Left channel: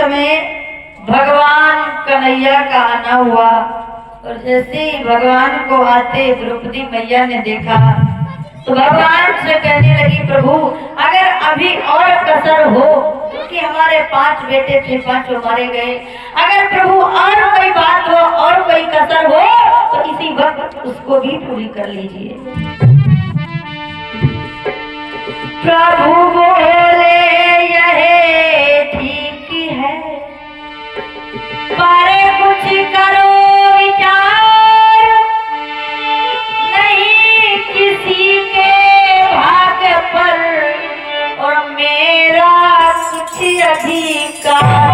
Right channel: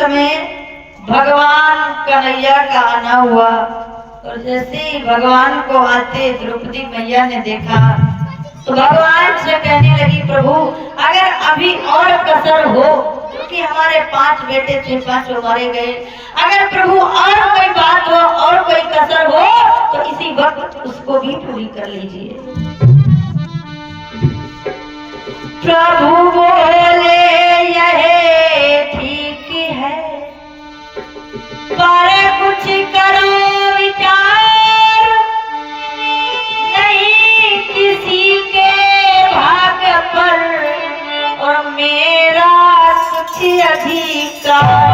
समय भगवान कन्हैया का आना हुआ और जैसे ही भगवान को आते द्रौपदी मैया ने देखा तो भगवान से कहने लगी, प्रभु अगर अभी और कसर हो, क्योंकि हमारे 5 बेटे थे, 5 मारे गए, अगर प्रभु और कोई बात हो और कोई कसर हो तो इसी वक्त उसको भी पूरी कर लीजिए। प्रभु बोले यह ठीक है, पर कुछ करो विचार, नहीं किसी के भाग्य पर और मेरा कुछ अधिकार।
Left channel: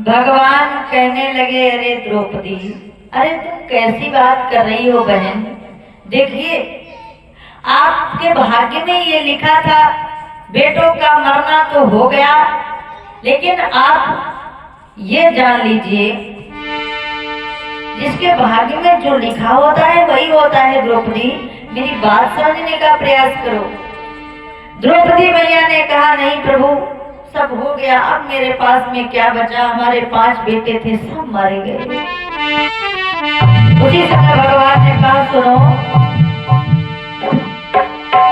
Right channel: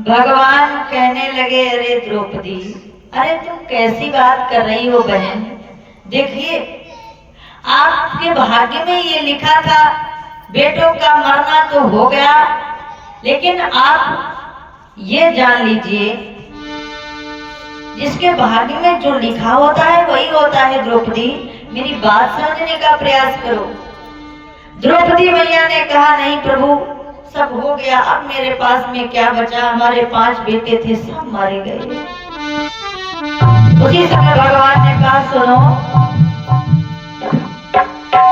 भगवान कहने लगे, अरे द्रौपदी, अरे तुम कैसी बात कर रही हो बहन, देखिए आपके भाग्य में ये लिखा था बेटों का मरना तो हो गया, लेकिन आप ये जान लीजिए जिसके भाग्य में जो लिखा होता है वही होता है। द्रौपदी मेरी बात समझने का प्रयास करो। द्रौपदी मैया ने कहा, नहीं प्रभु सब हो गया, अब मेरे पास में क्या बचा, हमारे 5 बेटे थे सब मारे गए। उसी समय भगवान ने कहा, सुनो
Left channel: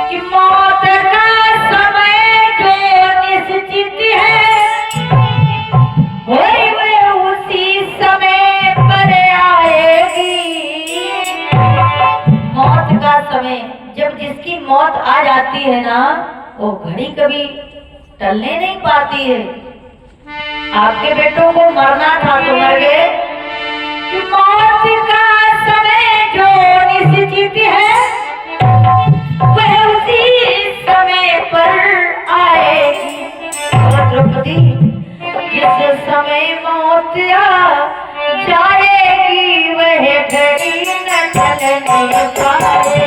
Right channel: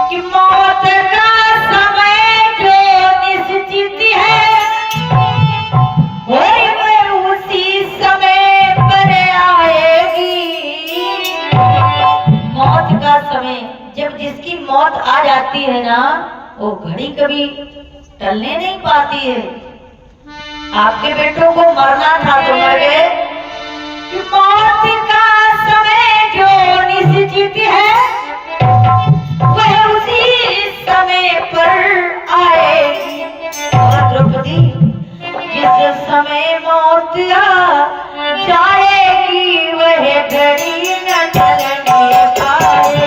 कि मौत का समय जो निश्चित है वह उसी समय पर आएगी। मौत का समय, जब जिसकी मौत आ जाती है ना, वो घड़ी कभी टलने नहीं पाती है। आपके बेटों को मरना था तो मर गए। कि मौत का समय जो निश्चित है वह उसी समय पर आएगी। और द्रौपदी जिस समय मौत आ जाएगी वह घड़ी न चलने पाएगी।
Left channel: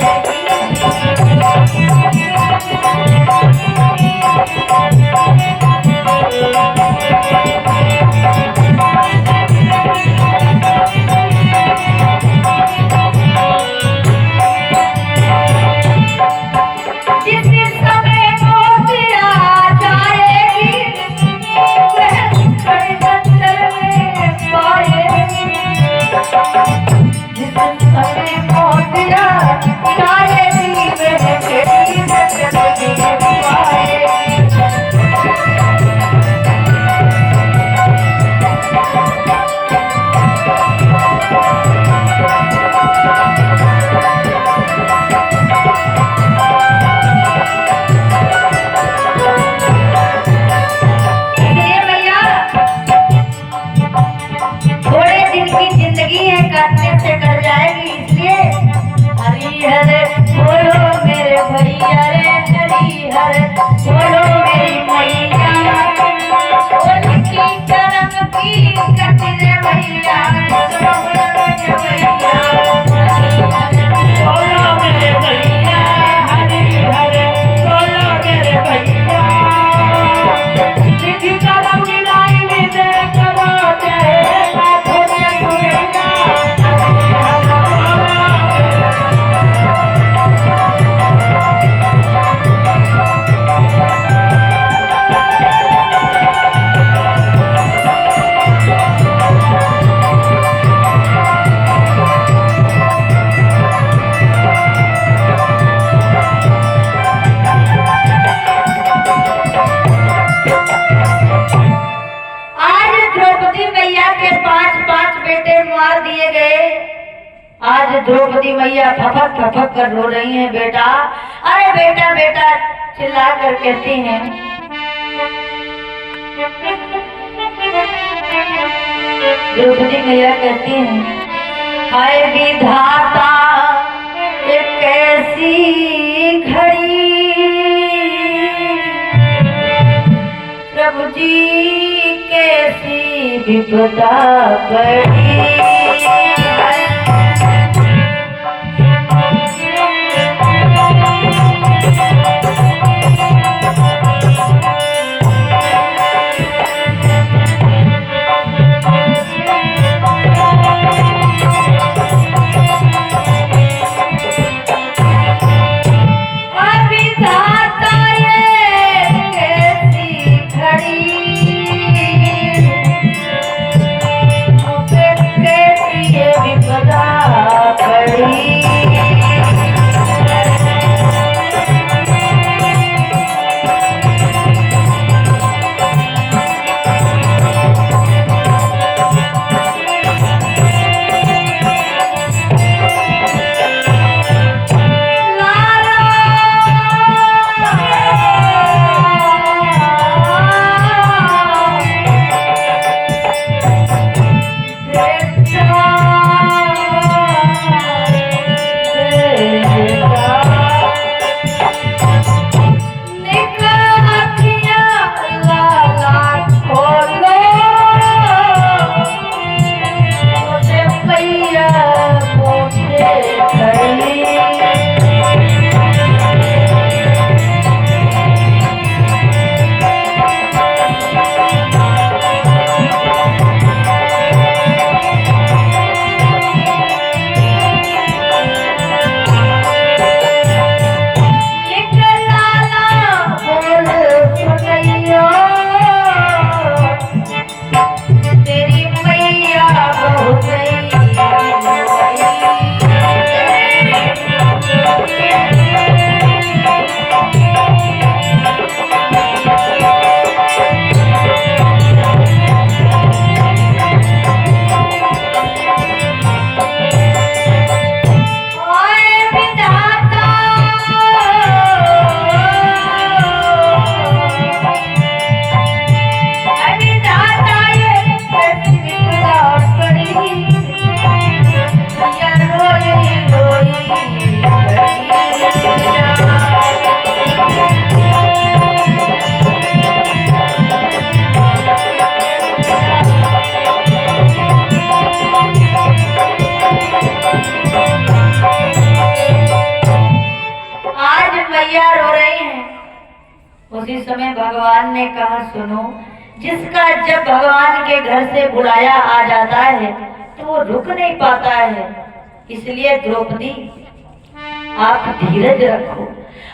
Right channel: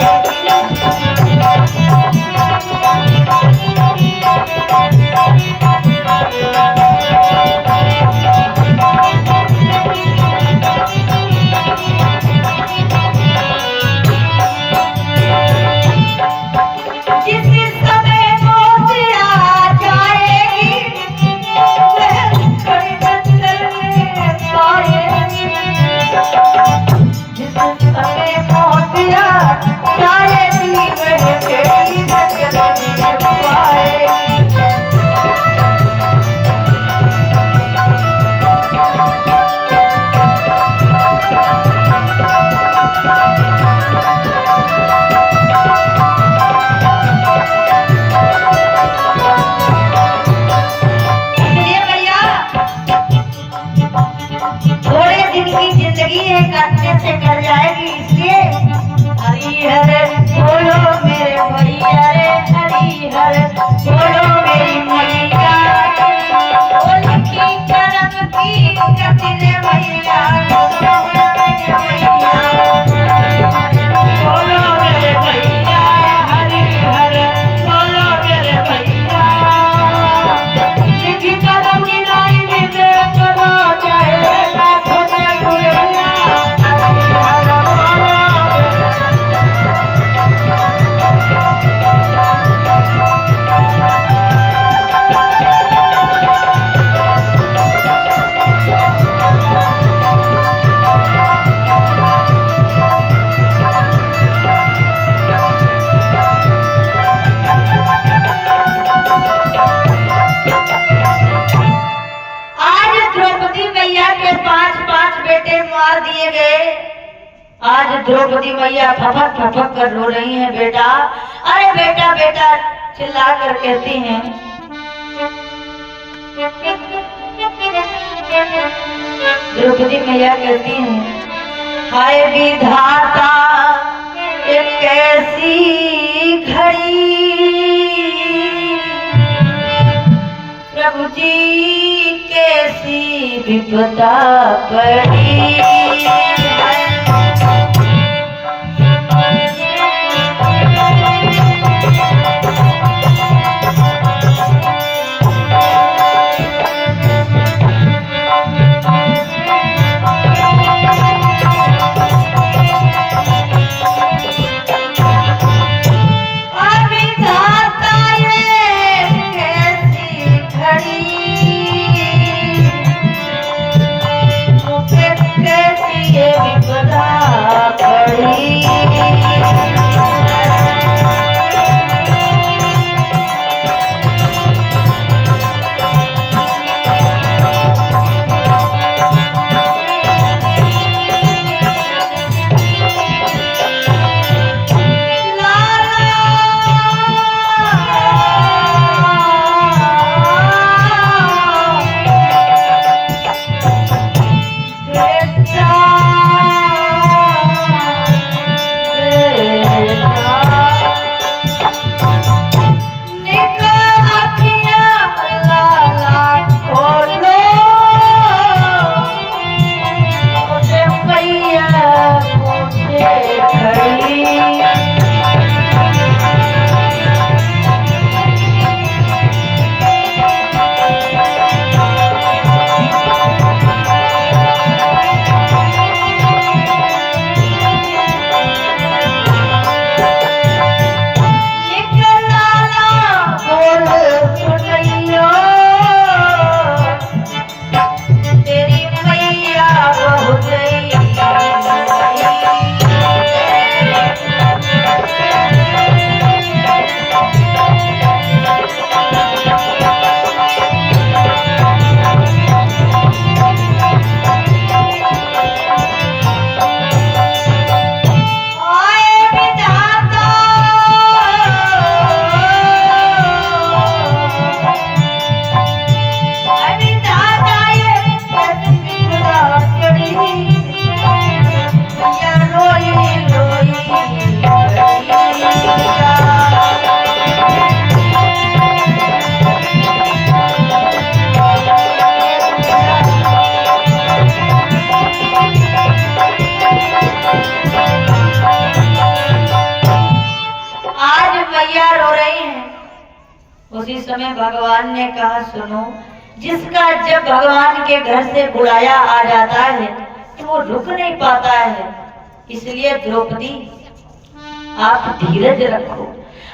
आज द्रौपदी मैया फपक फपक कर रो रही हैं। बेटा, अरे बेटा बेटा चिल्ला कर कहती हैं। द्रौपदी मैया कहती हैं, हाय विधाता ये कैसी घड़ी, प्रभु जी कैसी विपदा पड़ी। और विधाता ये कैसी घड़ी, समय भगवान ने कहा सुनो, जिसका जब भगवान के घर से बुलाया आ जाता है तो वो रुक नहीं पाता है, इसलिए द्रौपदी आप धीरज रखो।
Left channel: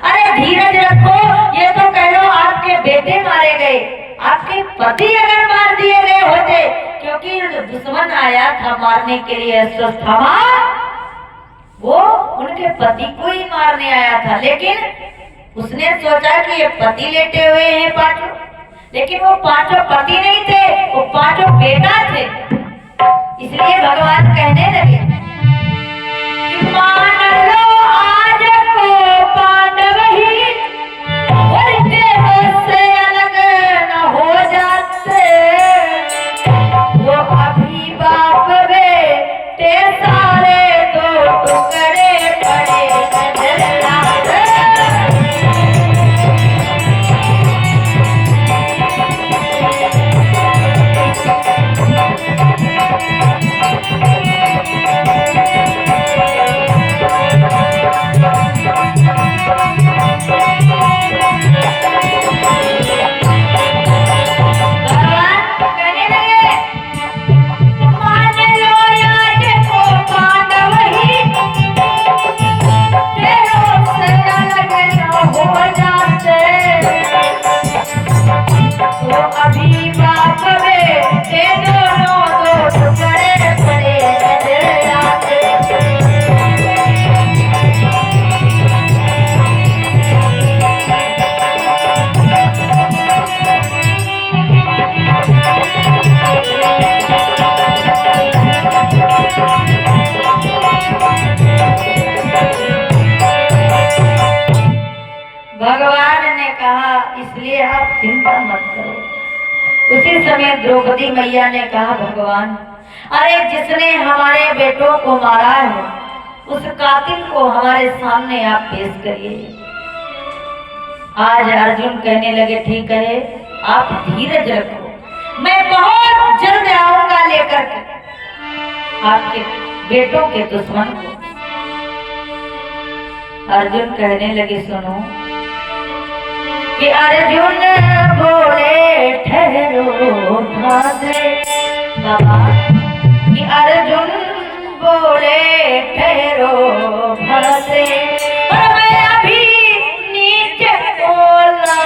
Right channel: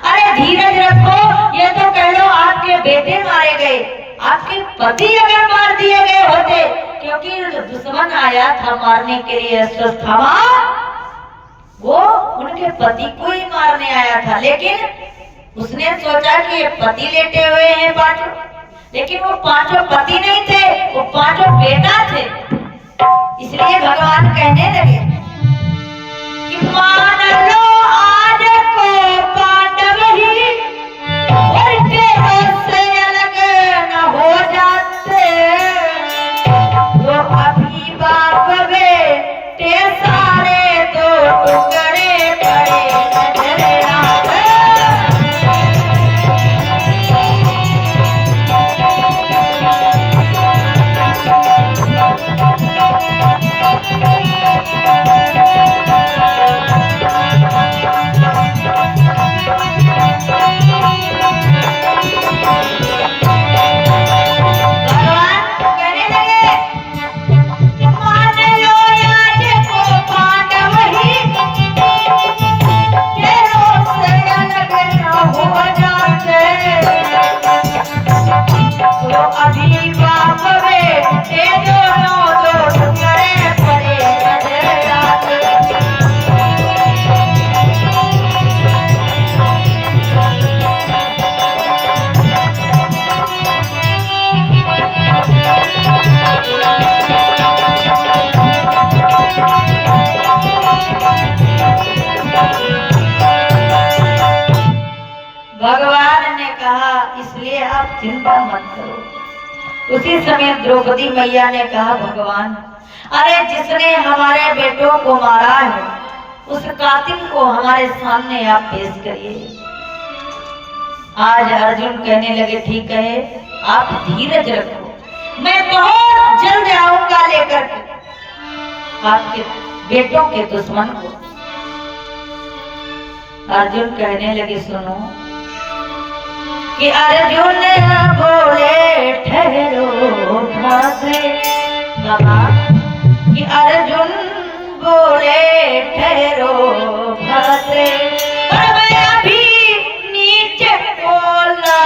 अरे धीरज रखो, ये तो कह लो आपके बेटे मारे गए, आपके पति अगर मार दिए गए होते, क्योंकि दुश्मन आया था मारने के लिए अश्वत्थामा, वो उनके पति को ही मारने आया था, लेकिन उसने सोचा कि ये पति लेटे हुए हैं पांचों, लेकिन वो पांचों पति नहीं थे, वो पांचों बेटा थे। इसलिए भगवान कहने लगे कि मान लो आज को पांडव ही और तेरों से अलग न हो जाते, वो अभी बाप बेटे सारे दो टुकड़े पड़े नजर आते। भगवान ने कहा इसलिए आप चिंता मत करो। उसी समय द्रौपदी मैया ने कहा भगवान, अरे जिसने हमारे बेटों को मारा है उस कातिल को हमारे सामने आप पेश करिए। आज अर्जुन कहने लगे ठीक है, आप धीरज रखो, मैं बहुत जल्द आऊंगा लेकर के आपके बेटों के दुश्मन को। अर्जुन कहने लगे सुनो कि अर्जुन बोले ठहरो भाते, बाबा कि अर्जुन बोले ठहरो भाते, और मैं अभी नीचे बोला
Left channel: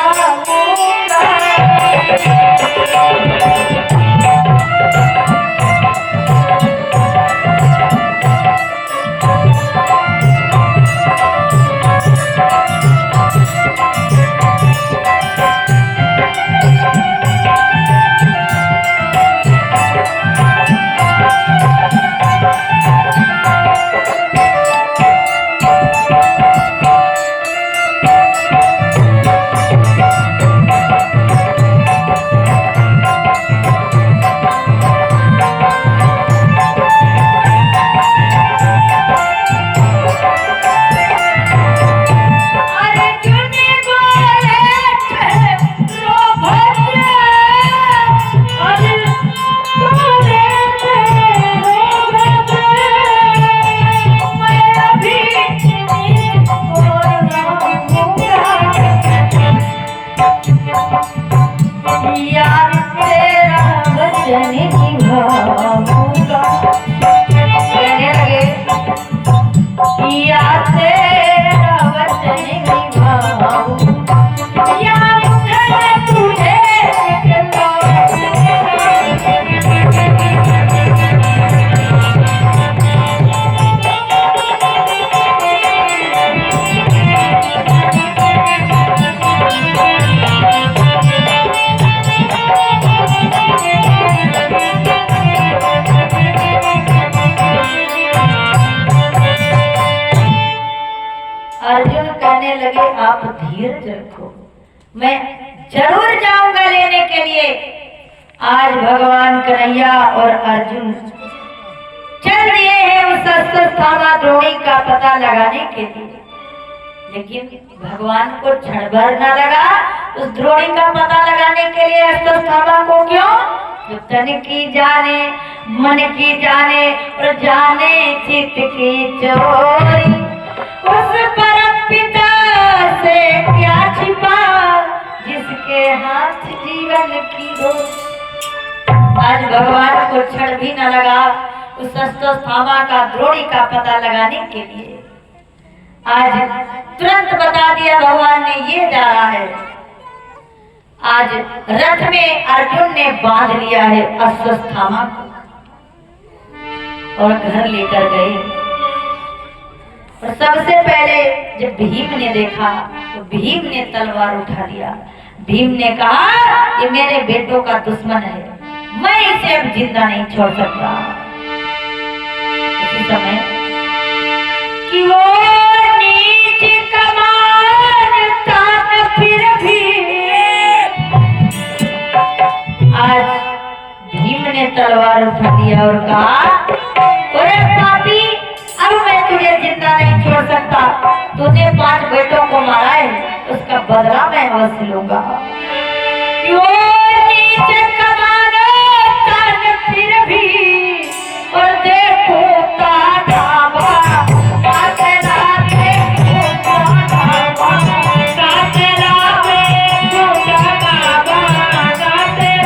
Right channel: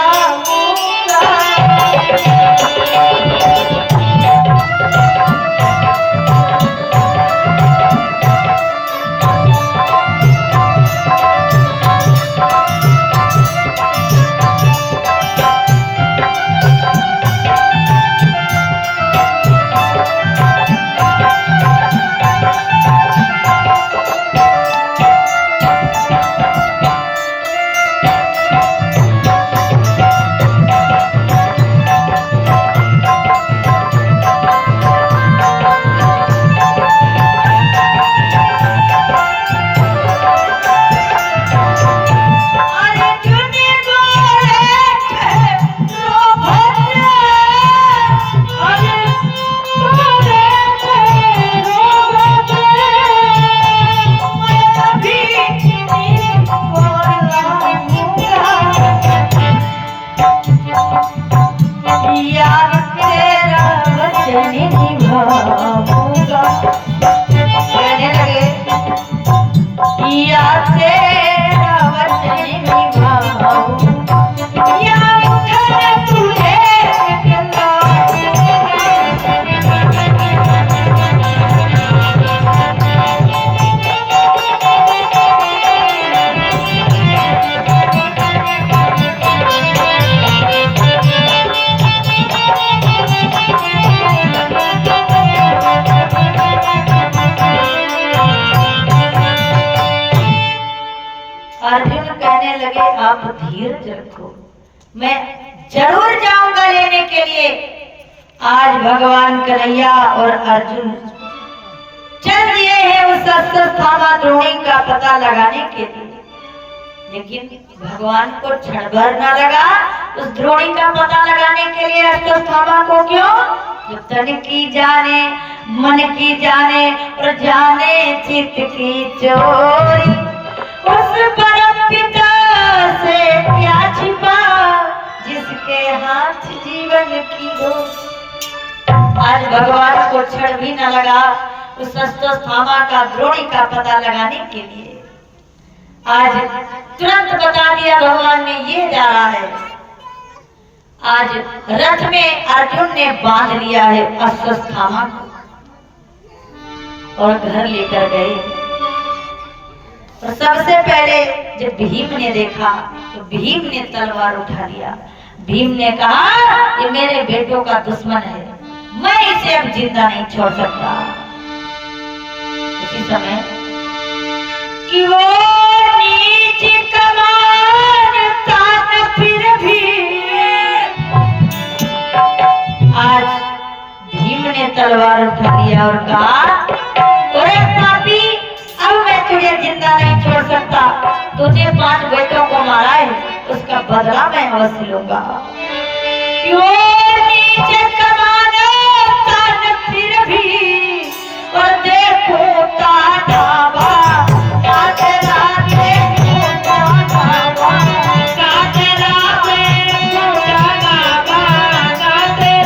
अर्जुन कहने लगे आप धीरज रखो, मैं जरूर जाऊंगा लेने के लिए। आज भगवान कन्हैया और अर्जुन चल दिए हैं उस अश्वत्थामा द्रोणी का पता लगाने के लिए, लेकिन भगवान को क्षण भर न लगा उस द्रोणी का पता लगाने के लिए अश्वत्थामा को। क्यों? जो तन की जाने मन की जाने और जाने चित्त की चोरी, उस परम पिता से क्या छिपा जिसके के हाथ जीवन की हो। आज भगवान को क्षण भी न लगा उस अश्वत्थामा का द्रोणी का पता लगाने के लिए। आज तुरंत बता दिया भगवान ने ये जा रहा है। आज रथ में अर्जुन ने बांध लिया है अश्वत्थामा को और घर लेकर गए। और सबसे पहले जब भीम ने देखा तो भीम ने तलवार उठा लिया। भीम ने कहा ये मेरे बेटों का दुश्मन है, मैं इसे अब जिंदा नहीं छोड़ सकता। उसी समय कि वो नीच कमान तान फिर भी आज भीम ने तलवार उठा लिया और कहा अरे पापी, अब मैं तुझे जिंदा नहीं छोड़ सकता। तुझे 5 बेटों को मारा है, उसका बदला मैं अवश्य लूंगा। क्यों नीचे कमाना तान फिर भी और देखो तानाबा काटे राते तानाबा काटे राते तानाबा काटे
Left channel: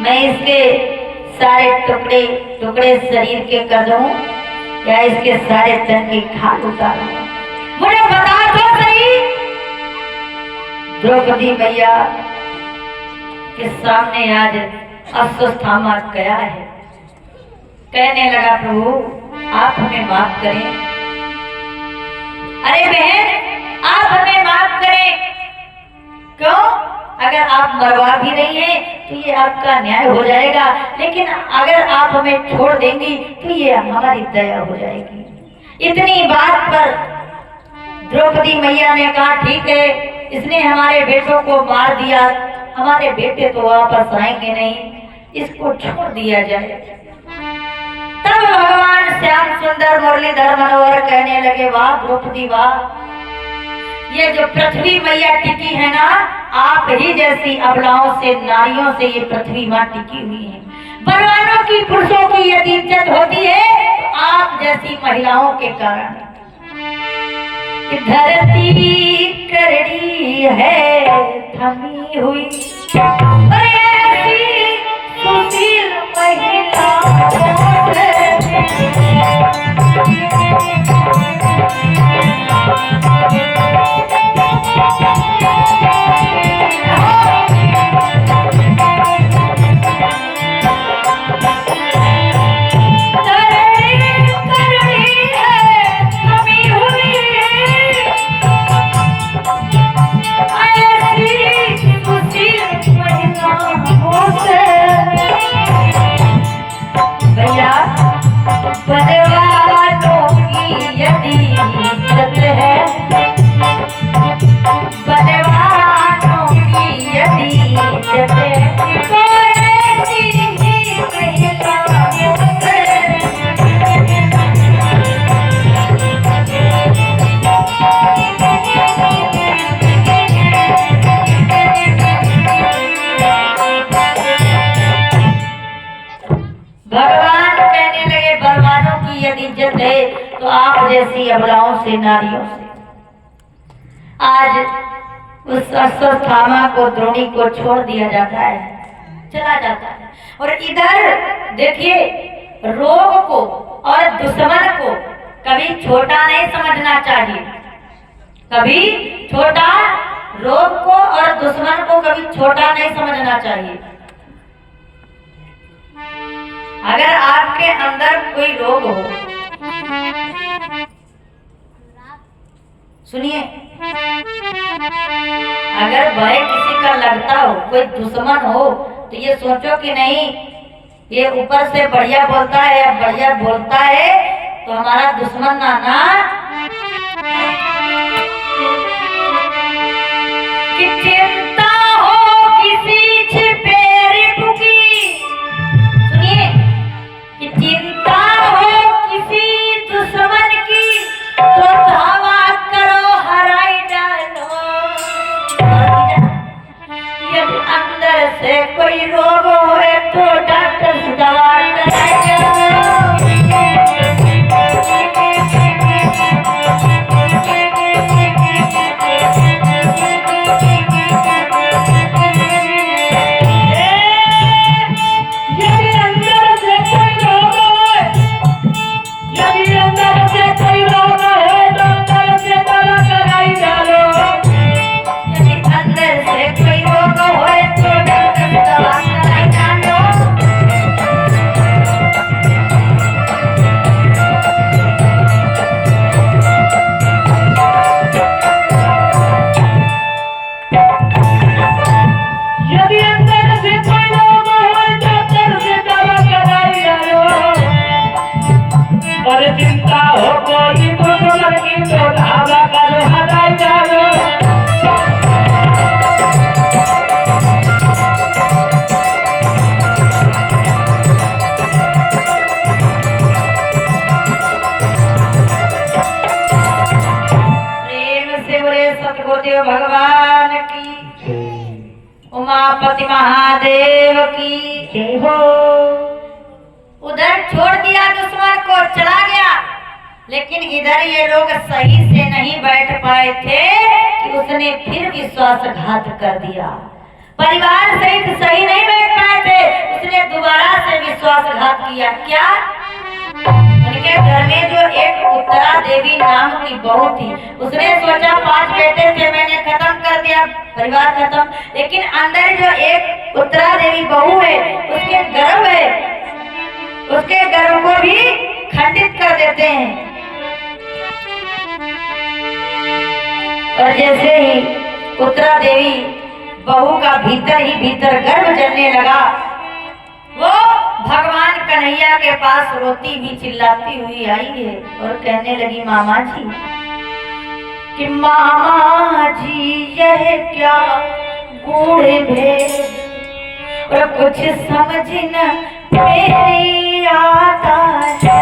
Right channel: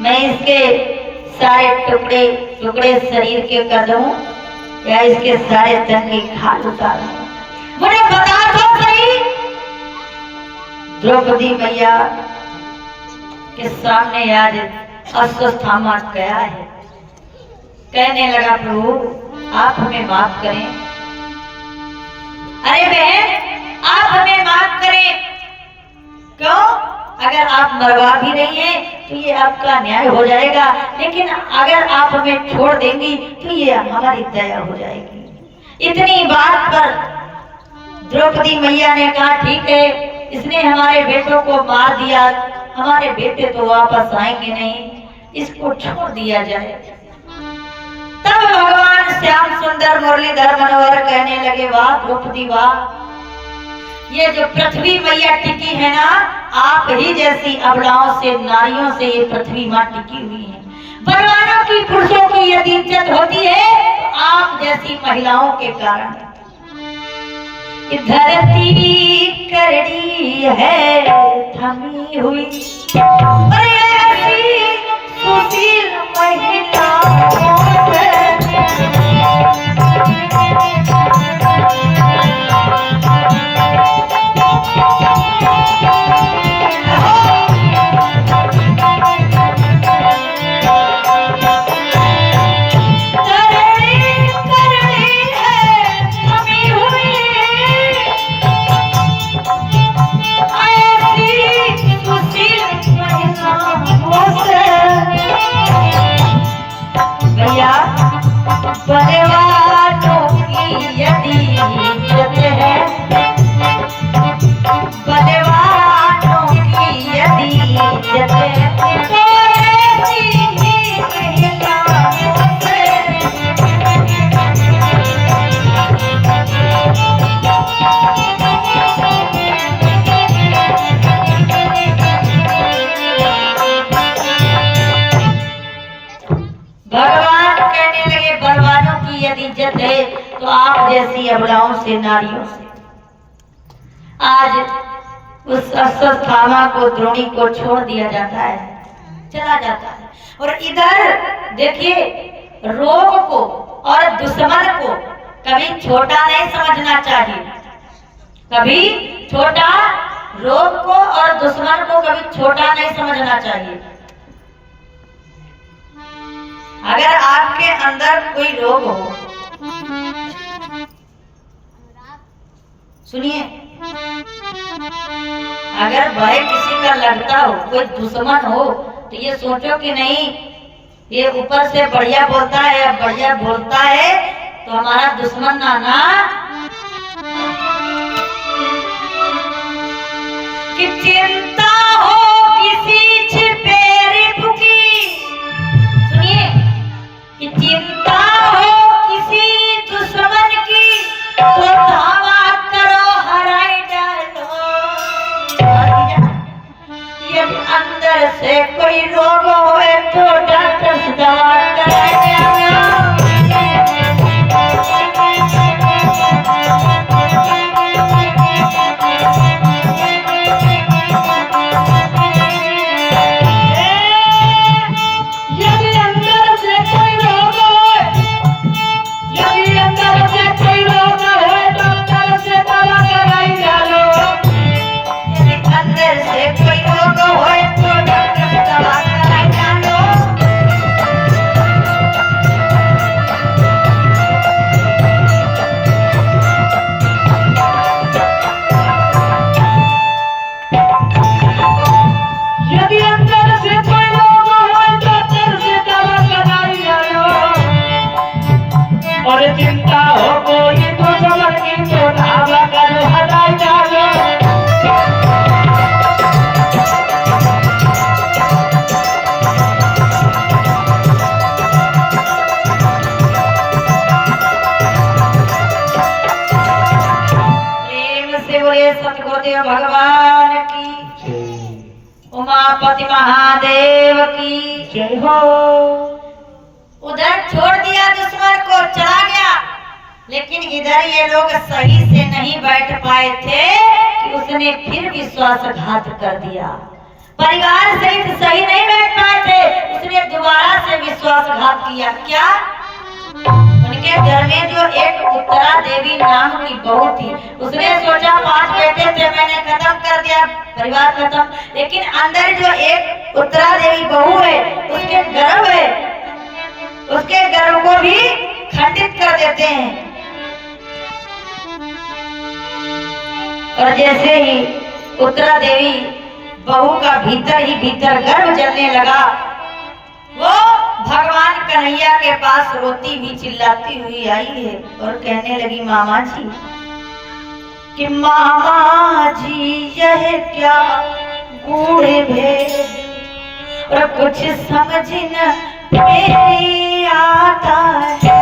मैं इसके सारे टुकड़े टुकड़े शरीर के कर दूं या इसके सारे तन की खाल उतारूं? मुझे बता दो सही। द्रौपदी मैया के सामने आज अश्वत्थामा गया है, कहने लगा प्रभु आप हमें माफ करें। अरे बहन आप हमें माफ करें। क्यों? अगर आप मरवा भी रही हैं तो ये आपका न्याय हो जाएगा, लेकिन अगर आप हमें छोड़ देंगी तो ये हमारी दया हो जाएगी। इतनी बात पर द्रौपदी मैया ने कहा ठीक है, इसने हमारे बेटों को मार दिया, हमारे बेटे तो वापस आएंगे नहीं, इसको छोड़ दिया जाए। तब भगवान श्याम सुंदर मुरलीधर मनोहर कहने लगे वाह द्रौपदी वाह, ये जो पृथ्वी मैया टिकी है ना, आप ही जैसी अबलाओं से नारियों से ये पृथ्वी माँ टिकी हुई है। बलवानों की पुरुषों की यदि इज्जत होती है तो आप जैसी महिलाओं के कारण। धरती करड़ी है थमी हुई और ऐसी सुशील महिला महिला जैसी अबलाओं से, नारियों से। आज उस अश्वत्थामा को, द्रोणी को छोड़ दिया जाता है, चला जाता है। और इधर देखिए, रोग को और दुश्मन को कभी छोटा नहीं समझना चाहिए। कभी छोटा, रोग को और दुश्मन को कभी छोटा नहीं समझना चाहिए। अगर आपके अंदर कोई रोग हो, सुनिए, अगर भय किसी का लगता हो, कोई दुश्मन हो, तो ये सोचो कि नहीं, ये ऊपर से बढ़िया बोलता है, बढ़िया बोलता है तो हमारा दुश्मन ना कि चिंता हो किसी छिपे रिपु की। सुनिए, कि चिंता हो किसी दुश्मन की तो धावा करो, हराई डालो। यदि अंदर से कोई रोग होए तो डॉक्टर से दवा कराएगा। सतगुरुदेव भगवान की, उमापति महादेव की जय हो। उधर छोड़ दिया दुश्मन को, चला गया, लेकिन इधर ये लोग सही से नहीं बैठ पाए थे कि उसने फिर विश्वासघात कर दिया। परिवार सहित सही नहीं बैठ पाए थे, उसने दोबारा से विश्वासघात किया। क्या? उनके घर में जो एक उत्तरा देवी नाम की बहू थी, उसने सोचा 5 बेटे थे, मैंने खत्म कर दिया, परिवार खत्म। लेकिन अंदर जो एक उत्तरा देवी बहू है, उसके गर्भ है, उसके गर्भ को भी खंडित कर देते हैं। और जैसे ही उत्तरा देवी बहू का भीतर ही भीतर गर्भ जलने लगा, वो भगवान कन्हैया के पास रोती हुई चिल्लाती हुई आई है और कहने लगी, मामा जी, कि मामा जी यह क्या गूढ़ भेद और कुछ समझ न मेरी आता है।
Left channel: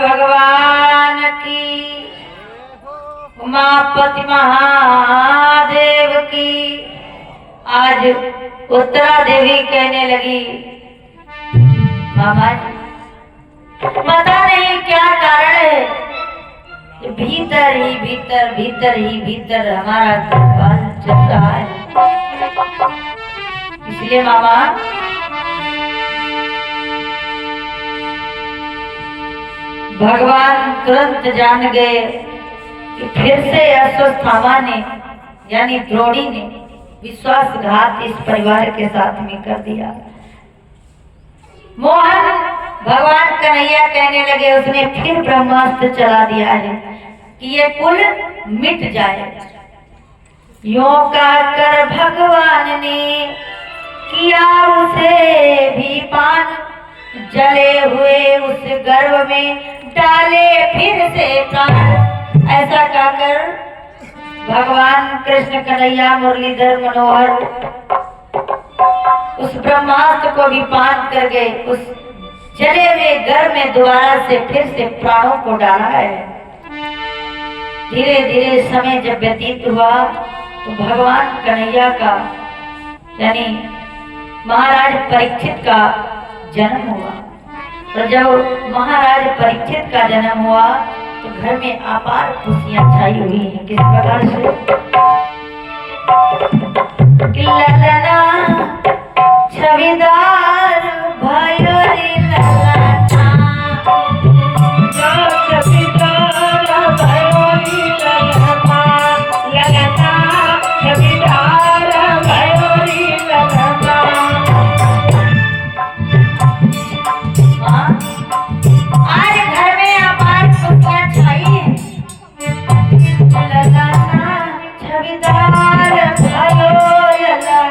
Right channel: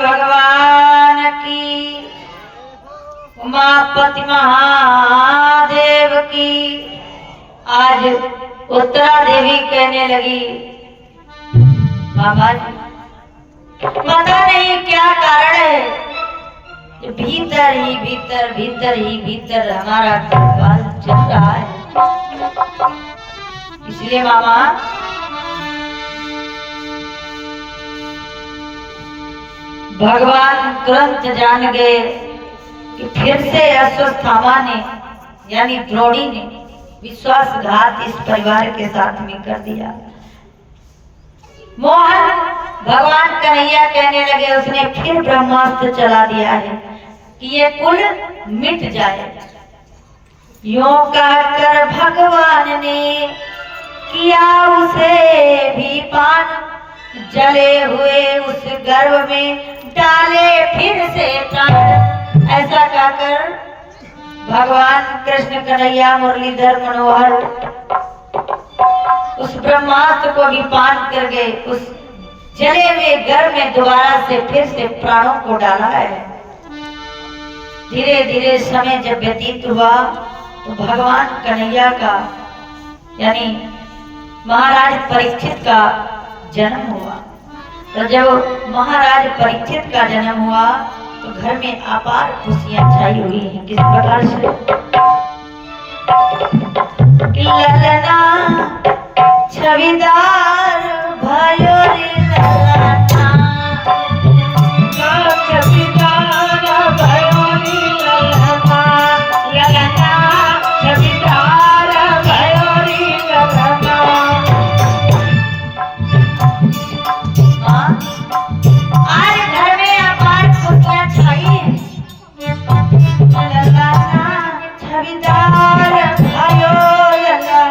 भगवान की, उमापति महादेव की। आज उत्तरा देवी कहने लगी, मामा जी, पता नहीं क्या कारण है, भीतर ही भीतर भीतर ही भीतर हमारा गर्भ चल रहा है। इसलिए मामा भगवान तुरंत जान गए कि फिर से अश्वत्थामा ने यानी द्रोणी ने विश्वासघात इस परिवार के साथ में कर दिया। मोहन भगवान कन्हैया कहने लगे, उसने फिर ब्रह्मास्त्र चला दिया है कि ये कुल मिट जाए। यों कहकर भगवान ने किया उसे भी पान, जले हुए उस गर्भ में डाले फिर से प्राण। ऐसा कहकर भगवान कृष्ण कन्हैया मुरलीधर मनोहर उस ब्रह्मास्त्र को भी पान कर गए। उस जले हुए गर्भ में दोबारा से फिर से प्राणों को डाला है। धीरे धीरे समय जब व्यतीत हुआ तो भगवान कन्हैया का यानी महाराज परीक्षित का जन्म हुआ। और जब महाराज परीक्षित का जन्म हुआ तो घर में अपार खुशियां छाई हुई हैं। किस प्रकार से कि ललना छविदार भयो रे ललना, छविदार भयो रे ललना, ललना छविदार भयो रे ललना। आज घर में अपार खुशियां छाई हैं। ललना छविदार भयो ललना,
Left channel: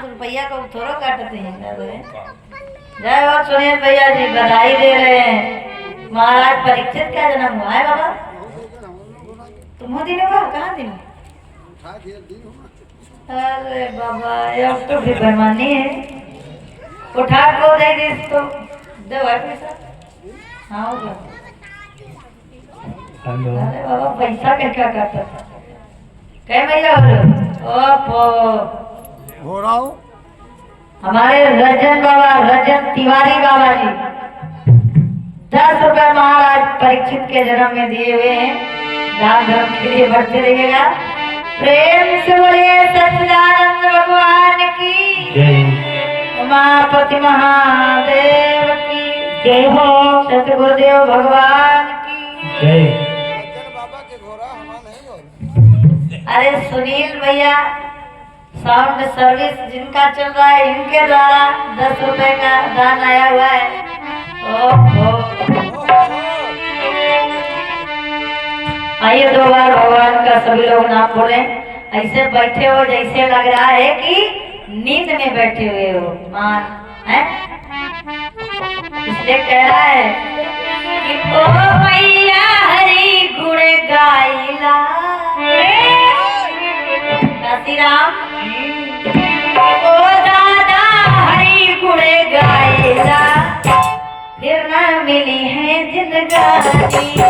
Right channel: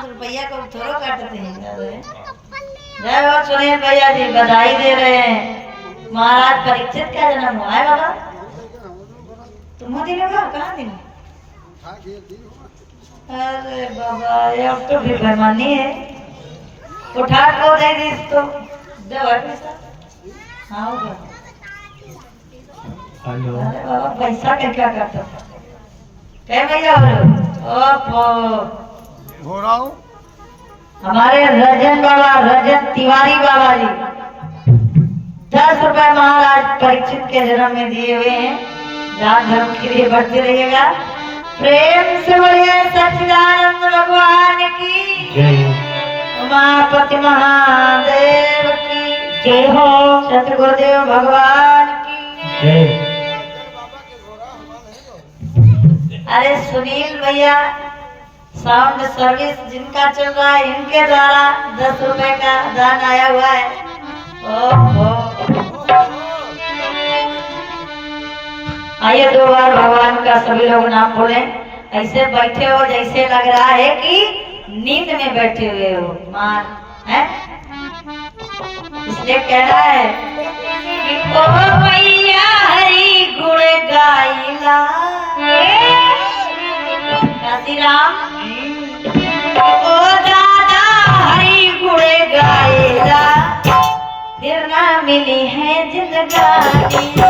रुपया को थोड़ा काटते हैं। जय हो सुनील भैया जी, बधाई दे रहे हैं। महाराज परीक्षित का जन्म हुआ है बाबा। तुम दिन हुआ कहाँ दिन? अरे बाबा अब तो भी बेईमानी है। उठा को दे दी तो दे पैसा। हाँ होगा। अरे बाबा पैसा क्या करता था? कह भैया हो रहा हूँ। हमारे रजन बाबा, रजन तिवारी बाबा जी 10 रुपए महाराज परीक्षित के जन्म में दिए हुए हैं। दान धर्म के लिए बढ़ते रहिएगा। प्रेम से बोलिए सच्चिदानंद भगवान की जय, उमापति महादेव की जय हो, सतगुरुदेव भगवान की जय। अरे सुनील भैया साउंड सर्विस जिनका चल रहा है, इनके द्वारा 10 रुपए का दान आया हुआ है। ओहो, आइए 2 बार भगवान का सभी लोग नाम बोले। ऐसे बैठे हो जैसे लग रहा है कि नींद में बैठे हुए हो। मान है इसलिए कहना है कि ओ मैया हरि गुण गाइला, काशी राम ओ दादा हरि गुण गाइला, फिर न मिली है जिंदगानी।